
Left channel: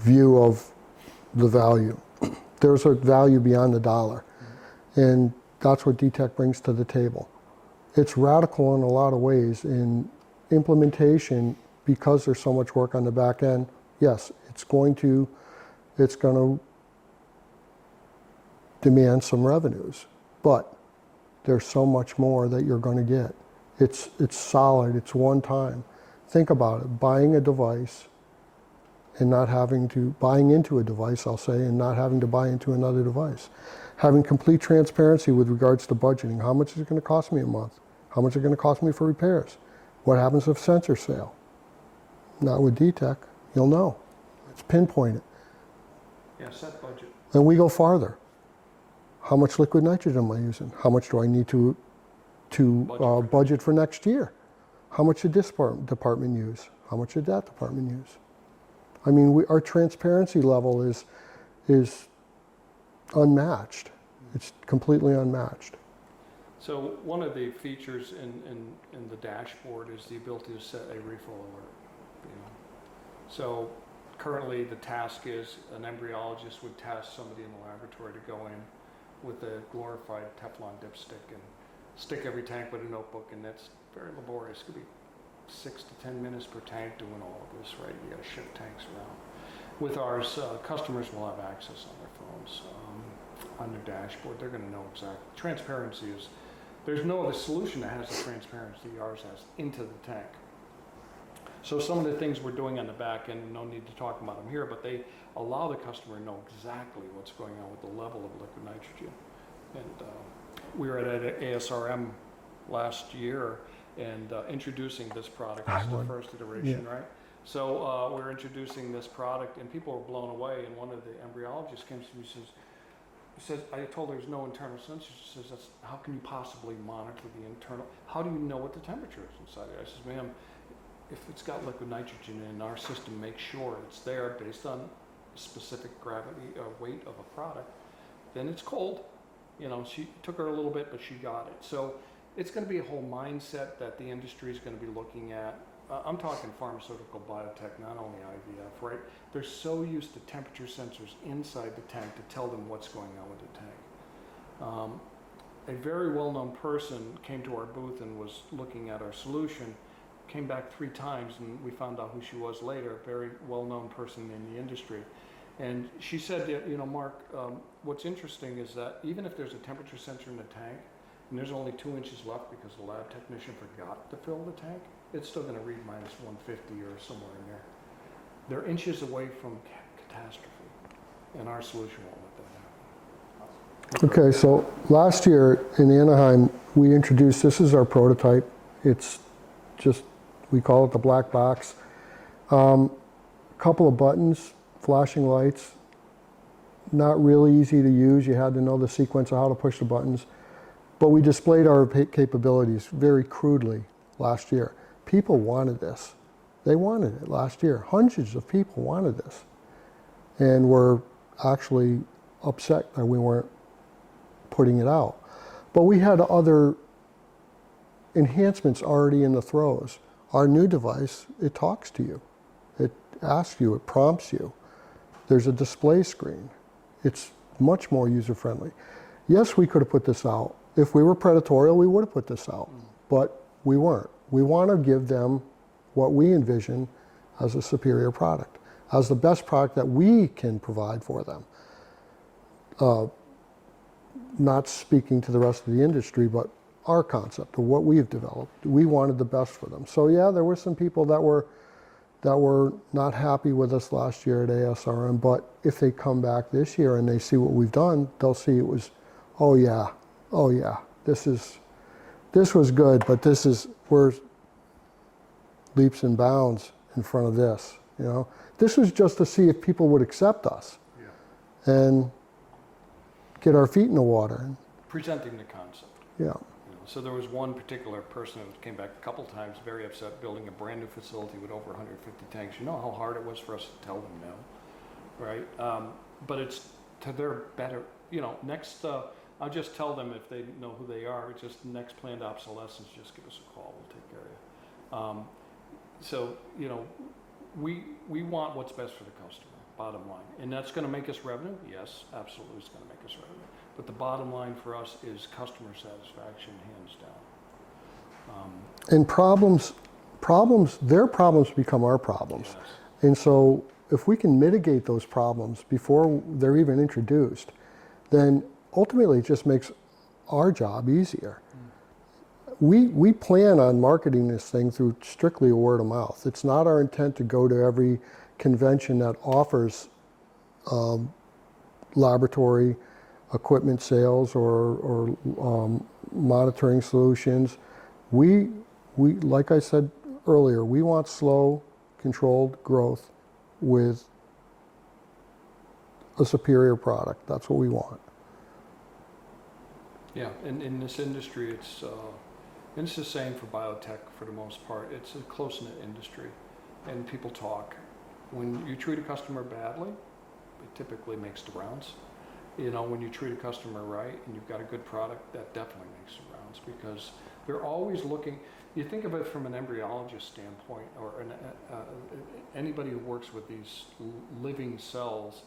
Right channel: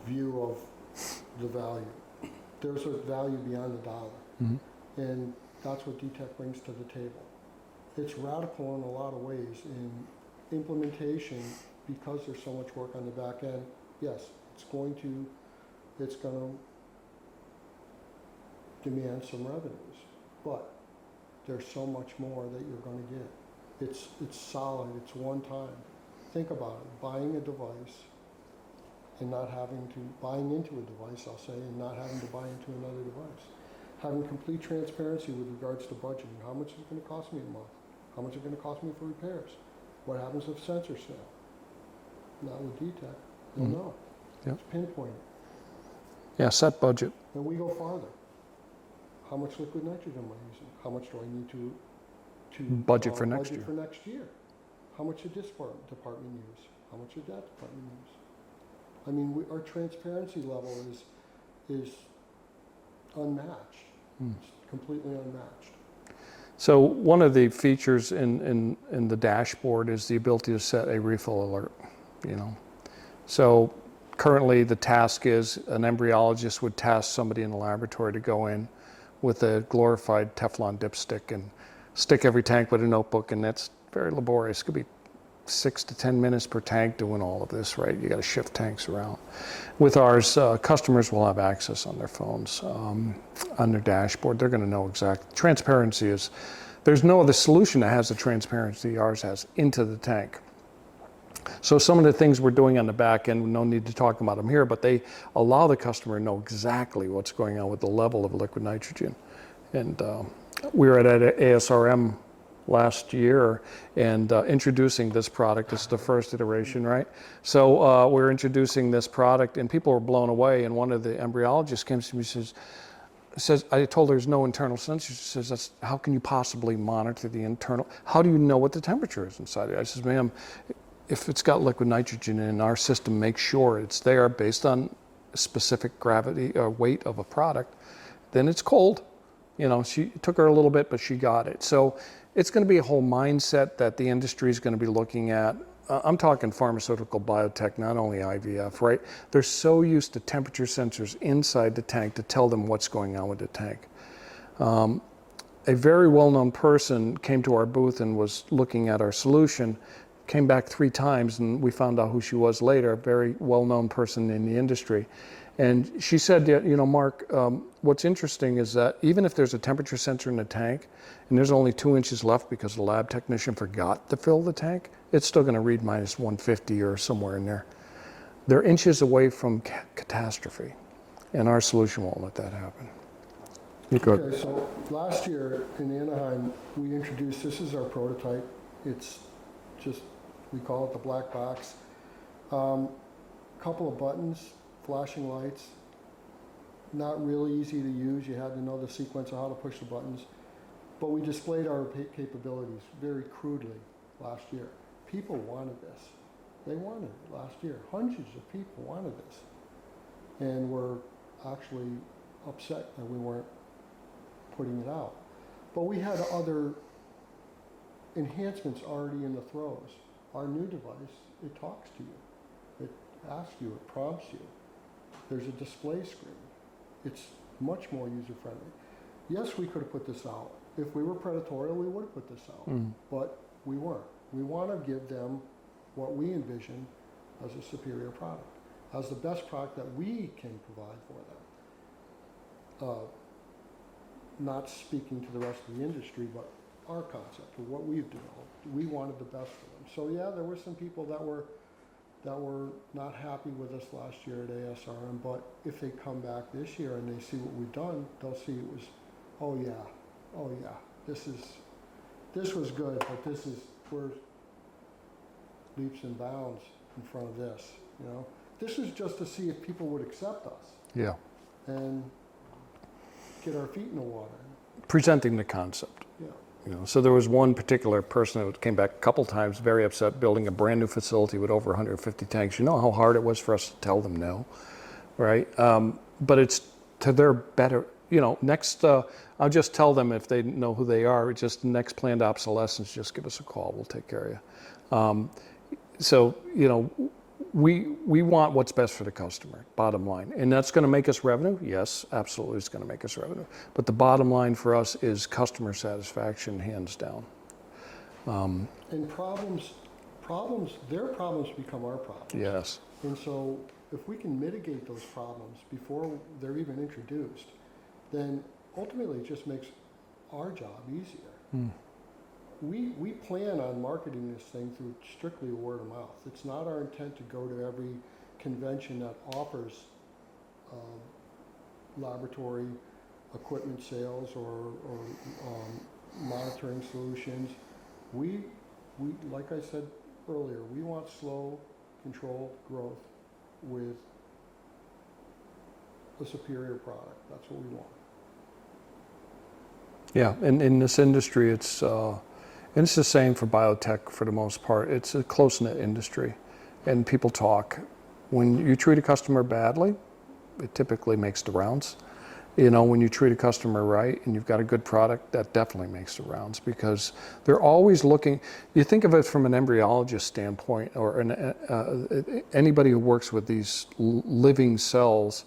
view of the value. There's a value beyond the dollar, and that's what DeTech brings to the table. It's radical in a lot of ways in implementation, because there's so much work on the back end. Yes, it's going to demand some revenues, but there's so much more that you're going to get. It's solid, it's one time. Think about it, buying a device and not having to, buying into a device, I'll say, and not having to buy into another device. Having complete transparency with regards to budgeting. How much is it going to cost me a month? How much is it going to cost me for repairs? What happens if sensors fail? Not with DeTech, you'll know. It's pinpointed. Yeah, set budget. And we go farther. How much liquid nitrogen am I using? How much do I need to budget for next year? How much did this department use? How much did that department use? I mean, our transparency level is unmatched. It's completely unmatched. So one of the features in the dashboard is the ability to set a refill alert, you know. So currently the task is an embryologist would task somebody in the laboratory to go in with a glorified Teflon dipstick and stick every tank with a notebook, and that's very laborious. It could be 6 to 10 minutes per tank doing all of this, right? You got to shift tanks around. With ours, customers will have access on their phones, on their dashboard. They're going to know exactly. Transparency is, there's no other solution that has the transparency ours has into the tank. So some of the things we're doing on the back end, no need to talk about them here, but they allow the customer to know exactly what's going on with the level of liquid nitrogen. And we were at ASRM last year and introducing this product. This is the first iteration, right? So we're introducing this product and people were blown away, and one of the embryologists came to me and says, I told her there's no internal sensors. She says, how can you possibly monitor the internal? How do you know what the temperature is inside it? I says, ma'am, if it's got liquid nitrogen in our system, make sure it's there based on specific gravity or weight of a product, then it's cold. You know, she took her a little bit, but she got it. So it's going to be a whole mindset that the industry is going to be looking at. I'm talking pharmaceutical biotech, not only IVF, right? They're so used to temperature sensors inside the tank to tell them what's going on with the tank. A very well-known person came to our booth and was looking at our solution, came back 3 times, and we found out who she was later, a very well-known person in the industry. And she said, you know, Mark, what's interesting is that even if there's a temperature sensor in the tank, and there's only 2 inches left because the lab technician forgot to fill the tank, it's still going to read minus 150 or somewhere in there. They're inches away from catastrophe, and our solution won't let that happen. Okay, so last year in Anaheim, we introduced, this is our prototype. It's just, we call it the black box. Couple of buttons, flashing lights, not really easy to use. You had to know the sequence of how to push the buttons. But we displayed our capabilities very crudely last year. People wanted this. They wanted it last year. Hundreds of people wanted this. And were actually upset that we weren't putting it out. But we had other enhancements already in the throes. Our new device, it talks to you. It asks you, it prompts you. There's a display screen. It's much more user-friendly. Yes, we could have put this out. If we were predatorial, we would have put this out, but we weren't. We want to give them what we envision as a superior product, as the best product that we can provide for them. not speaking to the rest of the industry, but our concept of what we've developed. We wanted the best for them. So yeah, there were some people that were not happy with us last year at ASRM, but if they come back this year and they see what we've done, they'll see it was, oh yeah, this was good, but we're leaps and bounds in front of this, you know. This was just to see if people would accept us. Yeah. And get our feet in the water. Presenting the concept. Yeah. You know, so there was one particular person that came back a couple times, very upset, building a brand new facility with over 150 tanks. You know how hard it was for us to tell them no, right? But it's to their better, you know, next, I'll just tell them if they know who they are, it's just next planned obsolescence, just give us a call, we'll take care of you. So, you know, we want what's best for the customer, bottom line. And that's going to make us revenue? Yes, absolutely it's going to make us revenue. But the bottom line for us is customer satisfaction, hands down. And their problems become our problems. Yes. And so if we can mitigate those problems before they're even introduced, then ultimately it just makes our job easier. We plan on marketing this thing through strictly word of mouth. It's not our intent to go to every convention that offers laboratory equipment sales or monitoring solutions. We, like I said earlier, we want slow, controlled growth with a superior product. That's what we want. Yeah, and in this industry, it's the same for biotech for the most part. It's a close-knit industry, and people talk. When you treat a customer badly, it typically makes the rounds. You know, when you treat a customer right and you've got a good product, that definitely makes the rounds, because they're always looking. You think of it from an embryologist standpoint, or anybody who works with these living cells.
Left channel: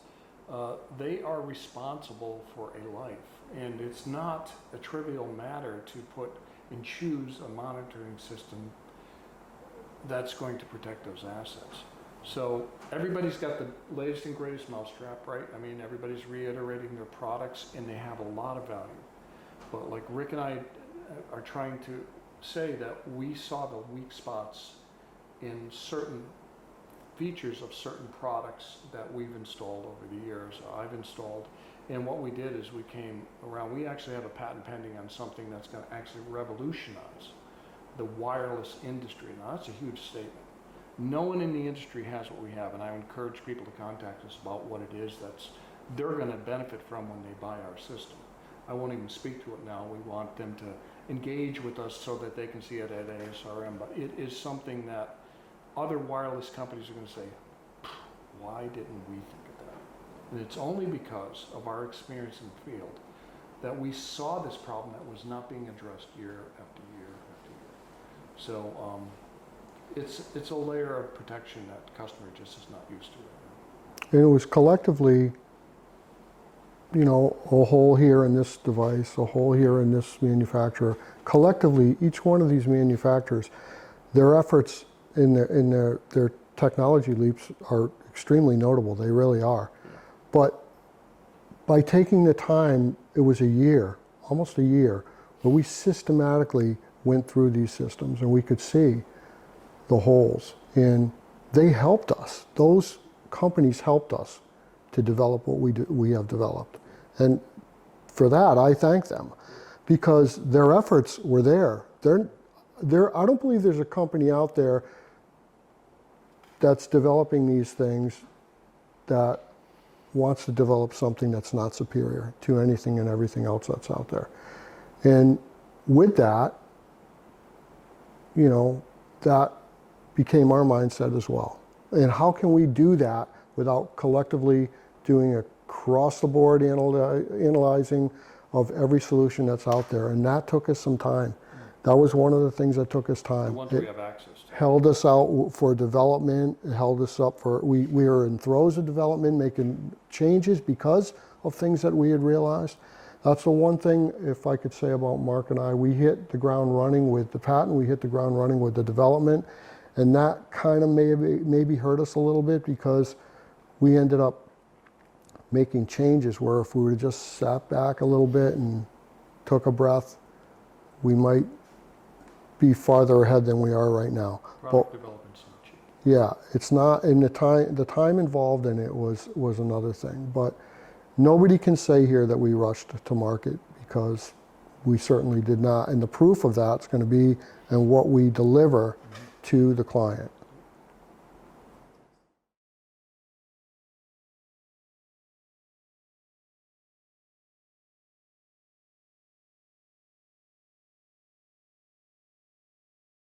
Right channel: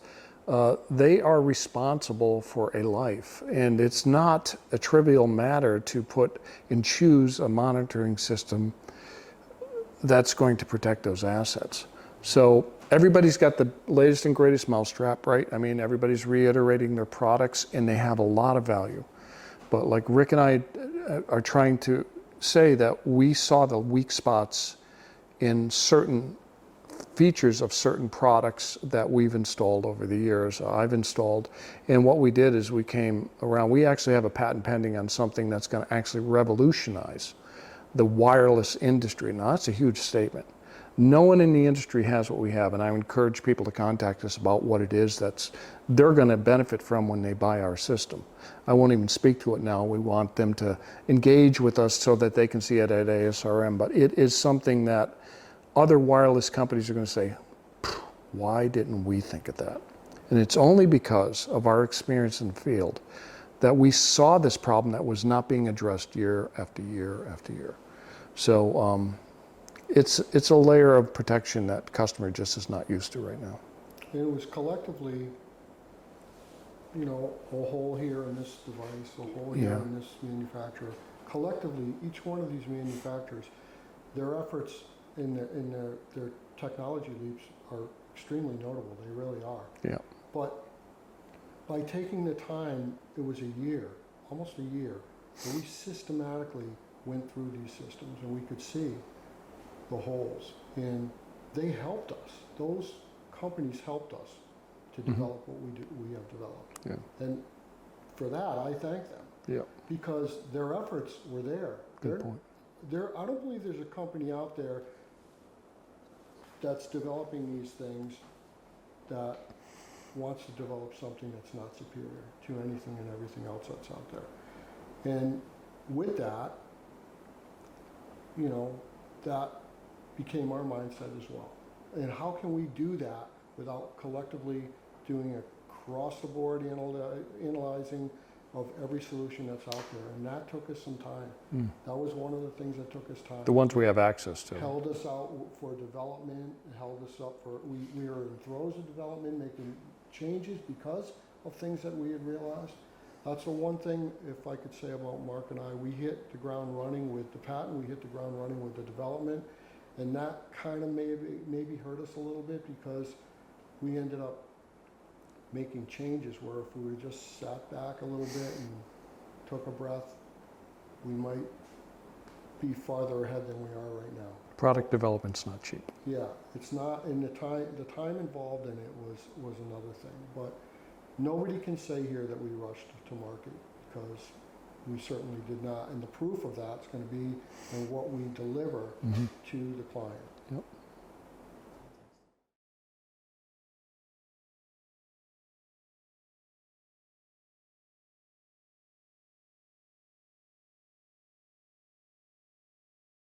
They are responsible for a life, and it's not a trivial matter to put and choose a monitoring system that's going to protect those assets. So everybody's got the latest and greatest mousetrap, right? I mean, everybody's reiterating their products, and they have a lot of value. But like Rick and I are trying to say, that we saw the weak spots in certain features of certain products that we've installed over the years, I've installed. And what we did is we came around, we actually have a patent pending on something that's going to actually revolutionize the wireless industry. Now that's a huge statement. No one in the industry has what we have, and I encourage people to contact us about what it is that's they're going to benefit from when they buy our system. I won't even speak to it now. We want them to engage with us so that they can see it at ASRM, but it is something that other wireless companies are going to say, why didn't we think of that? And it's only because of our experience in the field that we saw this problem that was not being addressed year after year after year. So it's a layer of protection that the customer just is not used to right now. And it was collectively, you know, a hole here in this device, a hole here in this manufacturer. Collectively, each one of these manufacturers, their efforts in their technology leaps are extremely notable. They really are. Yeah. But by taking the time, it was a year, almost a year, where we systematically went through these systems, and we could see the holes. And they helped us. Those companies helped us to develop what we have developed. Yeah. And for that, I thank them. Yeah. Because their efforts were there. I don't believe there's a company out there that's developing these things that wants to develop something that's not superior to anything and everything else that's out there. And with that, you know, that became our mindset as well. And how can we do that without collectively doing across the board analyzing of every solution that's out there? And that took us some time. That was one of the things that took us time. The ones we have access to. Held us out for development, held us up for, we were in throes of development, making changes because of things that we had realized. That's the one thing, if I could say about Mark and I, we hit the ground running with the patent, we hit the ground running with the development, and that kind of maybe hurt us a little bit, because we ended up making changes where if we would have just sat back a little bit and took a breath, we might be farther ahead than we are right now. Product development's not cheap. Yeah, it's not, and the time involved in it was another thing. But nobody can say here that we rushed to market, because we certainly did not. And the proof of that's going to be in what we deliver to the client. Yep.